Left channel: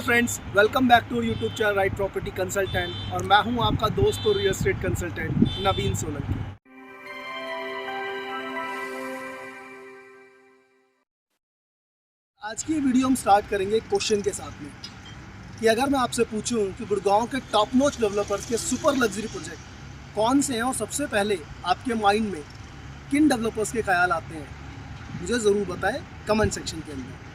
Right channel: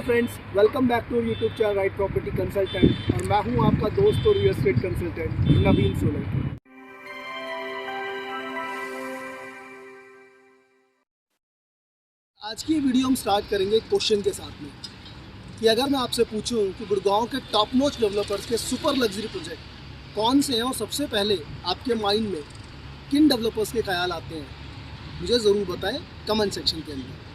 Hello friends, welcome back to YouTube channel Right Property Consultant और मैं हूं आपका दोस्त और real estate consultant Naveen Solanki. आज की वीडियो हम स्टार्ट करेंगे क्वेश्चन के साथ में कि अगर मैं आपसे पूछूं कि गुड़गांव के टॉप नॉच डेवलपर्स के सुपर लग्जरी प्रोजेक्ट कौन से हैं और सबसे पहले आपके माइंड में किन डेवलपर्स के ख्याल आते हैं, मुझे ज़रूर बताएं कमेंट सेक्शन के अंदर।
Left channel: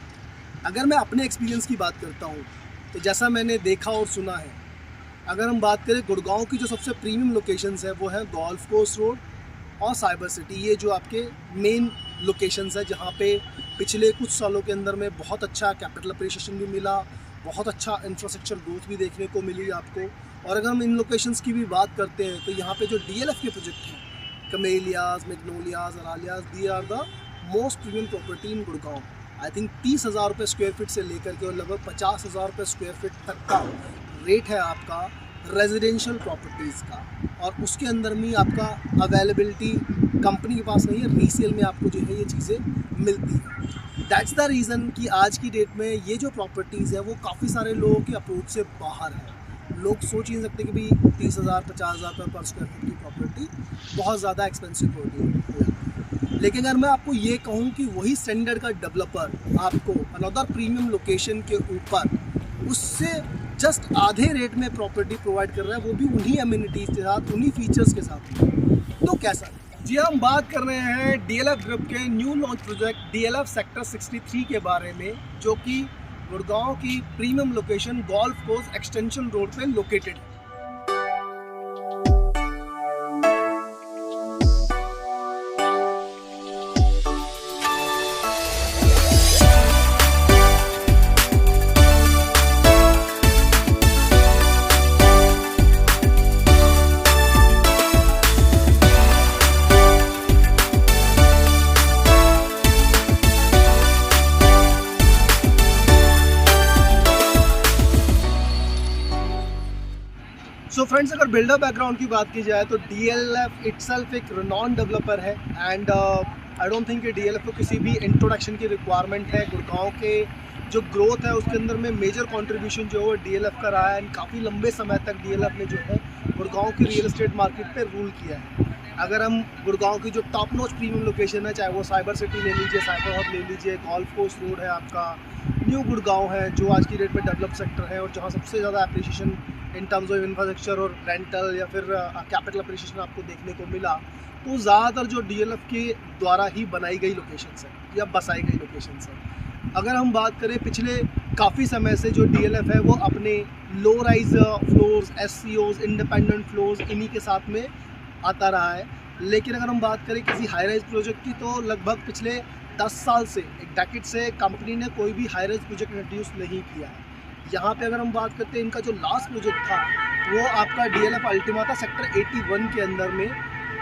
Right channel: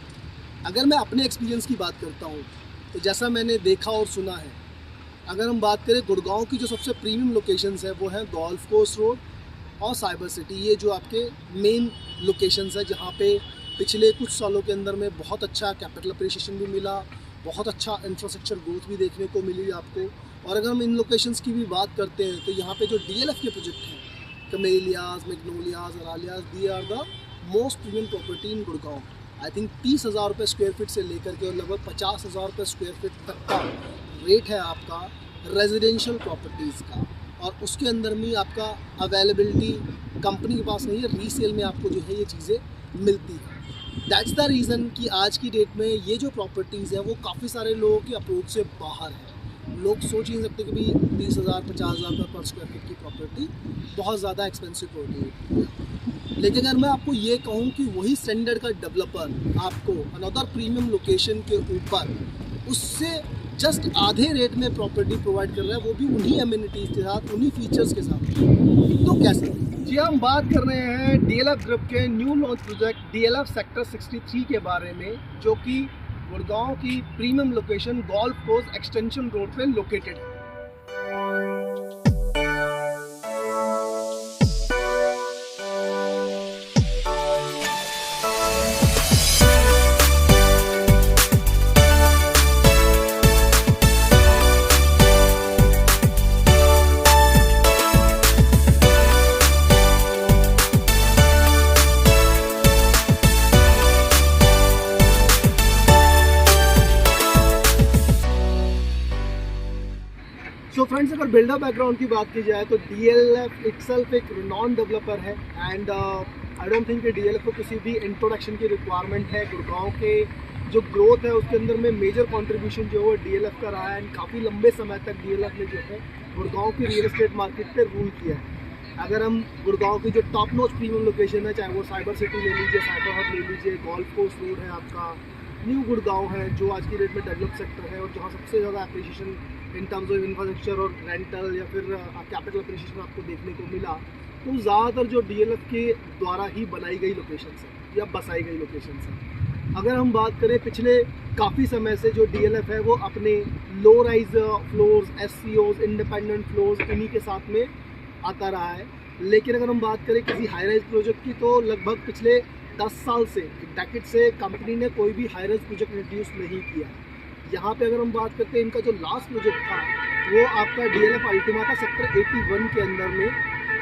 अगर मैं अपने एक्सपीरियंस की बात करता हूँ तो जैसा मैंने देखा और सुना है, अगर हम बात करें गुड़गांव की जो सबसे प्रीमियम लोकेशंस है वो है गोल्फ कोर्स रोड और साइबर सिटी। ये जो आपके मेन लोकेशंस है जहाँ पे पिछले कुछ सालों के अंदर में बहुत अच्छा कैपिटल अप्रिशिएशन भी मिला, बहुत अच्छा इंफ्रास्ट्रक्चर ग्रोथ भी देखने को मिली आपको। और अगर हम इन लोकेशंस की भी बात करते हैं तो यहाँ पे जो DLF के प्रोजेक्ट हैं, Camellias, Magnolias, Aralias, they are the most premium property in Gurgaon. I think 30,000 रुपये स्क्वायर फीट से लेकर के और लगभग 50,000 रुपये स्क्वायर फीट तक का रेट है आपका रेजिडेंशियल प्रॉपर्टीज़ का। और उसके अंदर में आपका अवेलेबिलिटी कंपनी के पास नहीं है, रीसेल में आपको जो है ये चीज़ें मिलती है। दैट्स द रीज़न कि आज की डेट में ये जो प्रॉपर्टीज़ है वो काफ़ी सारे लोगों के अप्रोच से बाहर है। लोग सोच ही नहीं सकते कि भाई 30,000 50,000 रुपये पर स्क्वायर फीट की प्रॉपर्टी बहुत ज़्यादा एक्सपेंसिव होती है। लेकिन अगर मैं आपको ये कहूँ कि वही स्टैंडर्ड का डेवलपर आपको अनदर प्रीमियम लोकेशन के ऊपर उससे जस्ट आधे रेट में प्रॉपर्टी प्रोवाइड कर रहा है, वो भी उन्हीं एमिनिटीज़ के साथ, उन्हीं फीचर्स के साथ, तो कैसे? जी, हम बात कर रहे हैं DLF ग्रुप के new launch project DLF sector 63 के बारे में, जो कि गुड़गांव की premium location golf course extension road पे लोकेटेड है। सो फ्रेंड्स, अगर बिल्डर बैकग्राउंड की बात की जाए तो DLF इटसेल्फ एक रिनॉन डेवलपर है एंड आई डोंट थिंक कि DLF को किसी भी इंट्रोडक्शन की रिक्वायरमेंट है। गुड़गांव के जो ग्रोथ है उसके अंदर में मेजर कंट्रीब्यूशन जो है DLF का रहा है एंड काफ़ी लंबे समय तक DLF ने जो है गुड़गांव की रियल एस्टेट मार्केट पे रूल किया है। अगर हम गुड़गांव की जो टॉप नॉच प्रीमियम लोकेशन है, चाहे वो साइबर सिटी ले लीजिए, साइबर हब ले लीजिए, गोल्फ कोर्स रोड है आपका, न्यू गुड़गांव है जो आज की डेट में डेवलप सेक्टर है और जहाँ सबसे ज़्यादा appreciation in terms of infrastructure और रेंटल या फिर कैपिटल अप्रिशिएशन आपको देखने को मिला, तो ज़्यादातर जो DLF के द्वारा ही बनाई गई लोकेशंस है या बसाई गई लोकेशंस है। अगर हम बात करें पिछले काफ़ी समय से जो DLF है वो अपने low rise floors, SCOs, independent floors इन्हीं के साथ में आता रहा है। लेकिन अगर हम बात करें किसी हाई राइज प्रोजेक्ट की तो लगभग पिछले 10 साल से, एक डेकेड से कंपनी ने कोई भी हाई राइज प्रोजेक्ट इंट्रोड्यूस नहीं किया है। यहाँ पे अगर हम बात करते हैं, इनका जो लास्ट प्रोजेक्ट था वो आपका DLF अल्टीमा था सेक्टर 81 के अंदर में,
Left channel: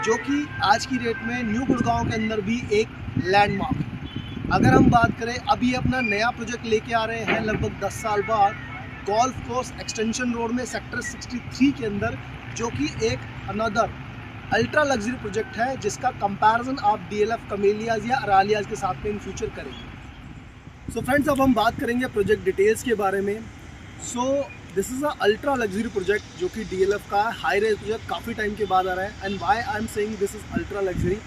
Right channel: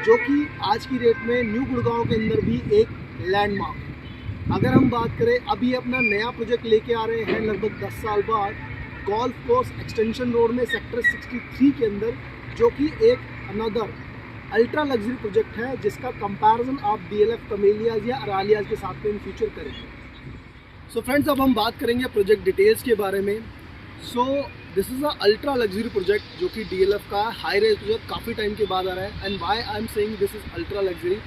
जो कि आज की डेट में न्यू गुड़गांव के अंदर भी एक लैंडमार्क है। अगर हम बात करें, अभी अपना नया प्रोजेक्ट लेके आ रहे हैं लगभग 10 साल बाद गोल्फ कोर्स एक्सटेंशन रोड में सेक्टर 63 के अंदर, जो कि एक अनदर अल्ट्रा लग्जरी प्रोजेक्ट है जिसका कंपैरिजन आप DLF कमेलियाज या अरालियाज के साथ में इन फ्यूचर करेंगे। सो फ्रेंड्स, अब हम बात करेंगे प्रोजेक्ट डिटेल्स के बारे में। So this is a ultra luxury project जो कि DLF का हाई रेंज प्रोजेक्ट काफ़ी टाइम के बाद आ रहा है। And why I am saying this is ultra luxury,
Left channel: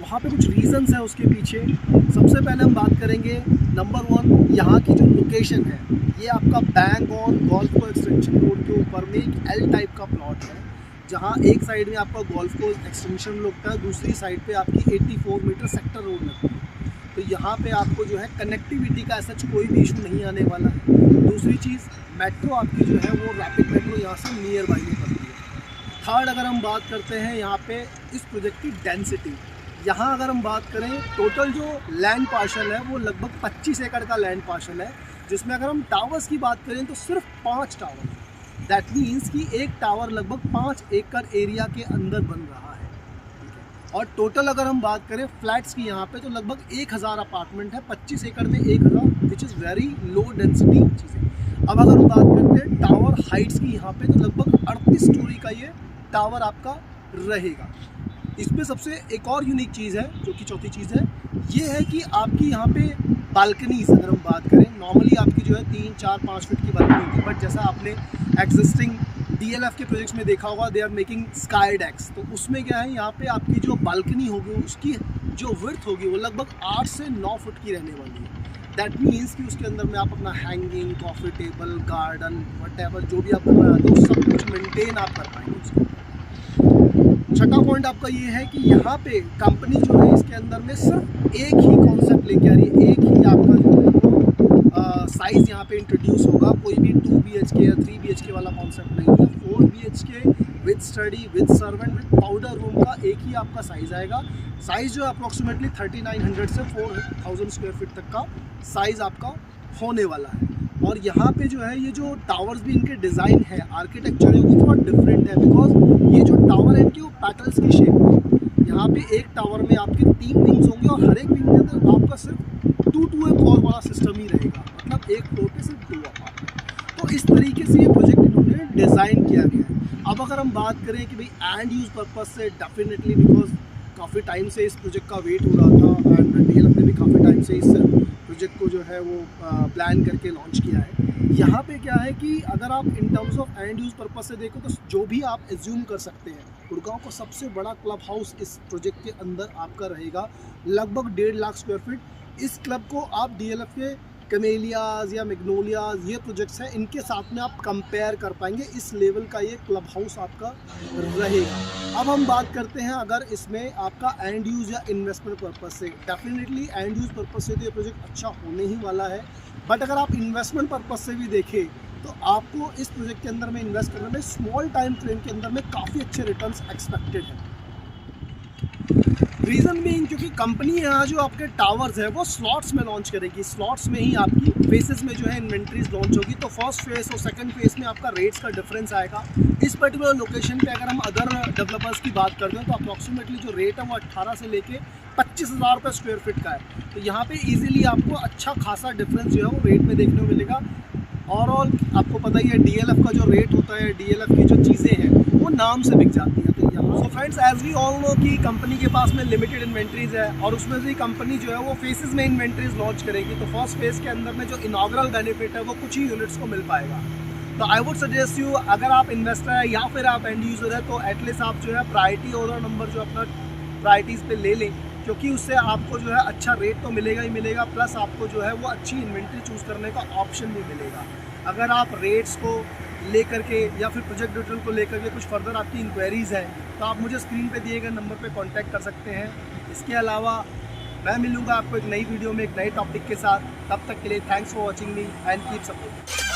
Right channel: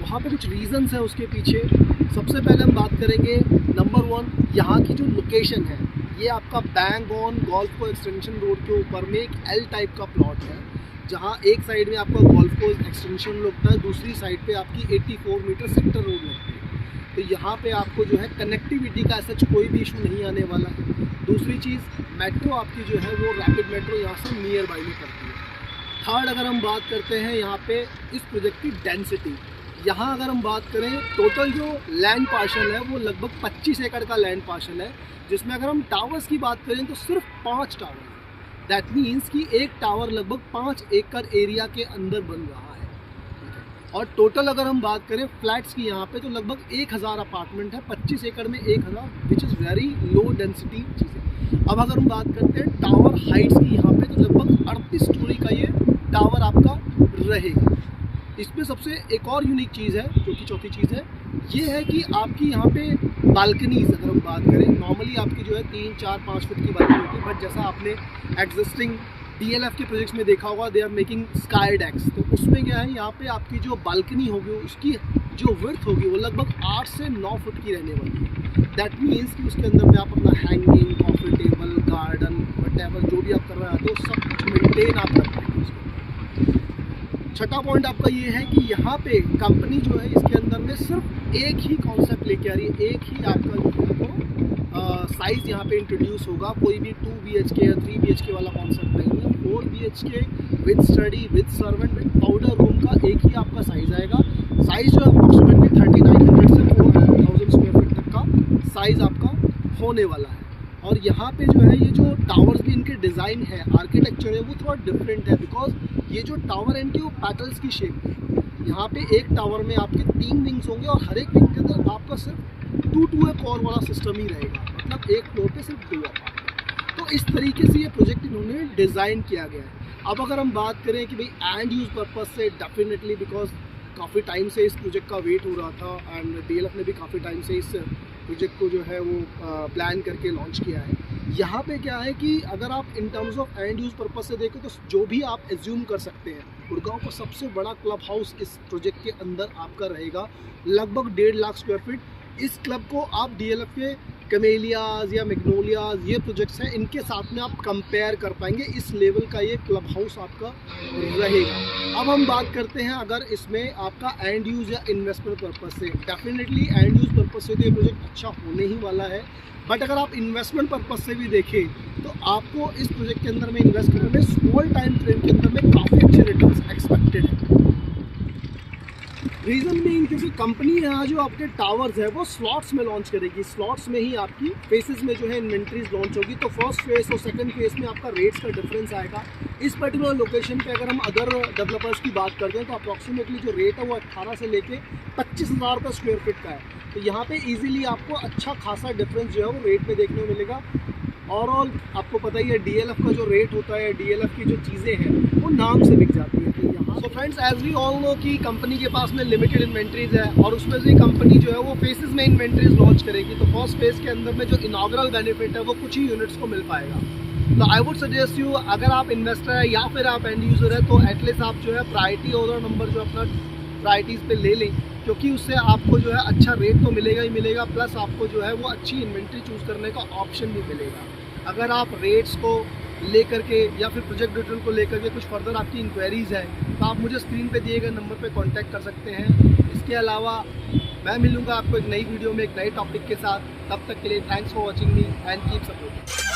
वहाँ पे कुछ रीजंस हैं उसके पीछे। सबसे पहले हम बात करेंगे नंबर 1, यहाँ की जो लोकेशन है, ये आपका bang on golf course extension road के ऊपर में एक L टाइप का प्लॉट है, जहाँ एक साइड में आपका गोल्फ कोर्स एक्सटेंशन लगता है, दूसरी साइड पे आपकी 84 मीटर सेक्टर रोड लगती है। तो यहाँ पे आपको जो है कनेक्टिविटी का ऐसा कोई भी इशू नहीं आने वाला है। दूसरी चीज़, मेट्रो आपकी जो है वो रैपिड मेट्रो यहाँ से नियर बाई में पड़ती है। थर्ड, अगर हम बात करते हैं यहाँ पे इस प्रोजेक्ट की डेंसिटी, यहाँ अगर हम बात करें टोटल जो लैंड पार्शल है वो लगभग 25 एकड़ का लैंड पार्शल है, जिसमें अगर हम टावर्स की बात करें तो सिर्फ 5 टावर है। दैट मीन्स कि एक टावर लगभग 5 एकड़ एरिया के अंदर बन रहा है। और टोटल अगर हम बात करें फ्लैट्स की यहाँ पे तो लगभग 1000 अपार्टमेंट है, 25 एकड़ में 1000, which is very low density चीज़ें। अब अगर हम बात करते हैं टावर हाइट्स की यहाँ पे तो लगभग 38 स्टोरी का ये टावर आपका रहेगा। इसमें सबसे एक और यूनिक चीज़ है, जो कि चौथी चीज़ है, ये है कि आपकी यहाँ पे बालकनीज अगर हम बात करें, नॉर्मली आपकी जो है 3, 4, 5 फीट की बालकनी होती है, बट जैसा आपने एग्जिस्टिंग DLF के प्रोजेक्ट्स में देखा होगा, दे आर मेकिंग स्काई डेक्स, तो उसमें क्या है, यहाँ पे आपकी जो बालकनी होगी उसकी जो विड्थ होगी वो लगभग 8 से 9 फुट की रहने वाली है। दैट मीन्स कि उसके अंदर में आप अपना hanging, coffee table, garden, whatever जो भी आप करना चाहते हो सब कुछ मेंटेन आप कर पाएंगे उसके अंदर। छठा पॉइंट आपका ये है कि यहाँ पे कंपनी जो है इसके अंदर में सिर्फ एक ही कॉन्सेप्ट लेके आ रही है, एक ही आपका जो है वो साइज़ यहाँ पे इंट्रोड्यूस होगा। कोई भी 2 BHK या 3 BHK वाला कॉन्सेप्ट नहीं है, 4 BHK with study, with servant, with powder room का एक ही आपका साइज़ आएगा। साइज़ जो है अप्रॉक्सीमेटली 3900 से 4000 स्क्वायर फीट तक का साइज़ आपका होने वाला है। और यहाँ पे जो है ये जो टावर्स भी इनके डिज़ाइन है, आर्किटेक्चर है, वो थोड़ा डिफरेंट है, बिकॉज ये जो टावर है इनकी वो पैटल्स की शेप में है। यहाँ पे एक टावर में आपके 3 विंग्स होंगे और हर एक विंग के अंदर आपका सिर्फ 2-4 वाला सिस्टम ही रहेगा, मतलब एक फ्लोर पे सिर्फ 2 अपार्टमेंट। तो इस तरीके से ये प्रोजेक्ट इन्होंने डिज़ाइन किया गया है। अब अगर हम बात करें कि भाई एंड यूज़ पर्पज़ से, डेफिनेटली बिकॉज काफ़ी टाइम से इस प्रोजेक्ट का वेट हो रहा था एंड DLF ने भी काफ़ी टाइम से इस प्रोजेक्ट को जो है वो प्लान करके लॉन्च किया है। यहाँ पे क्या है कि अगर आप in terms of and use purpose से देखो तो जो भी आप एज्यूम कर सकते हैं, गुड़गांव का सबसे बड़ा क्लब हाउस इस प्रोजेक्ट के अंदर आपका रहेगा, लगभग 1.5 लाख स्क्वायर फीट। इस क्लब को आप DLF के कमेलियाज या मैग्नोलियाज ये प्रोजेक्ट्स हैं, इनके साथ में आप कंपेयर कर पाएंगे। इस लेवल का ये क्लब हाउस आपका रहेगा। अब हम बात करते हैं अगर इसमें आपका एंड यूज़ या इन्वेस्टमेंट पर्पज़ से, डेफिनेटली एंड यूज़ पर्पज़ से तो ये प्रोजेक्ट अच्छा होने ही वाला है, बट अगर आप इन्वेस्टमेंट पर्पज़ से भी देखें तो आपको इस प्रोजेक्ट के अंदर में इन्वेस्ट करने में स्मॉल टाइम फ्रेम के अंदर में काफ़ी अच्छे रिटर्न्स एक्सपेक्टेड है। रीज़न बीइंग क्योंकि कंपनी यहाँ जो आपके टावर्स है वो स्लॉट्स में लॉन्च करेगी, स्लॉट्स में ही आपकी फेसेस में जो है इन्वेंट्रीज लॉन्च होगी। तो फर्स्ट फेस और सेकंड फेस में आपका रेट्स का डिफरेंस आएगा। इस पर्टिकुलर लोकेशन पे अगर हम अदर डेवलपर्स की बात करते हैं तो अप्रॉक्सीमेटली जो रेट है वो 18 से लेके 25,000 रुपये स्क्वायर फीट का है। तो यहाँ पे इजीली आपको अच्छा खासा डिफरेंस जो है वो रेट में देखने को मिलेगा। ओवरऑल आपको पता ही है DLF का जो रेट होता है, DLF की जो चीज़ें हैं वो नाम से बिक जाती है। तो यहाँ so friends, as we all know कि कंपनी के पास में लिमिटेड इन्वेंट्रीज है और उसमें से कंपनी जो है वो फेसेस में इन्वेंट्रीज लॉन्च करेगी। तो फर्स्ट फेज के अंदर में जो इनॉग्रल बेनिफिट है वो कुछ ही यूनिट्स को मिल पाएगा। तो आई वुड सजेस्ट यू, अगर आप इन्वेस्टर है या फिर आप एंड यूज़र है, तो एटलीस्ट आप जो है प्रायोरिटी ऑर्डर नंबर जो अपना प्रायोरिटीज़ पे ले लें, क्योंकि उससे आपको जो है अच्छा रेट तो मिलेगा ही मिलेगा, प्लस आपको जो है वो अच्छी इन्वेंट्री चूज़ करने का ऑप्शन भी मिलेगा। अगर आप रेट्स को लेकर के या फिर प्रोजेक्ट डिटेल को लेकर के कुछ फर्दर आपकी इंक्वायरीज़ हैं तो आप मुझे स्क्रीन पे दिए गए नंबर पे कांटेक्ट कर सकते हैं। इसके अलावा मैं मिलूँगा आपको एक नई वीडियो में एक नए टॉपिक के साथ। तब तक के लिए thanks for watching me and keep supporting.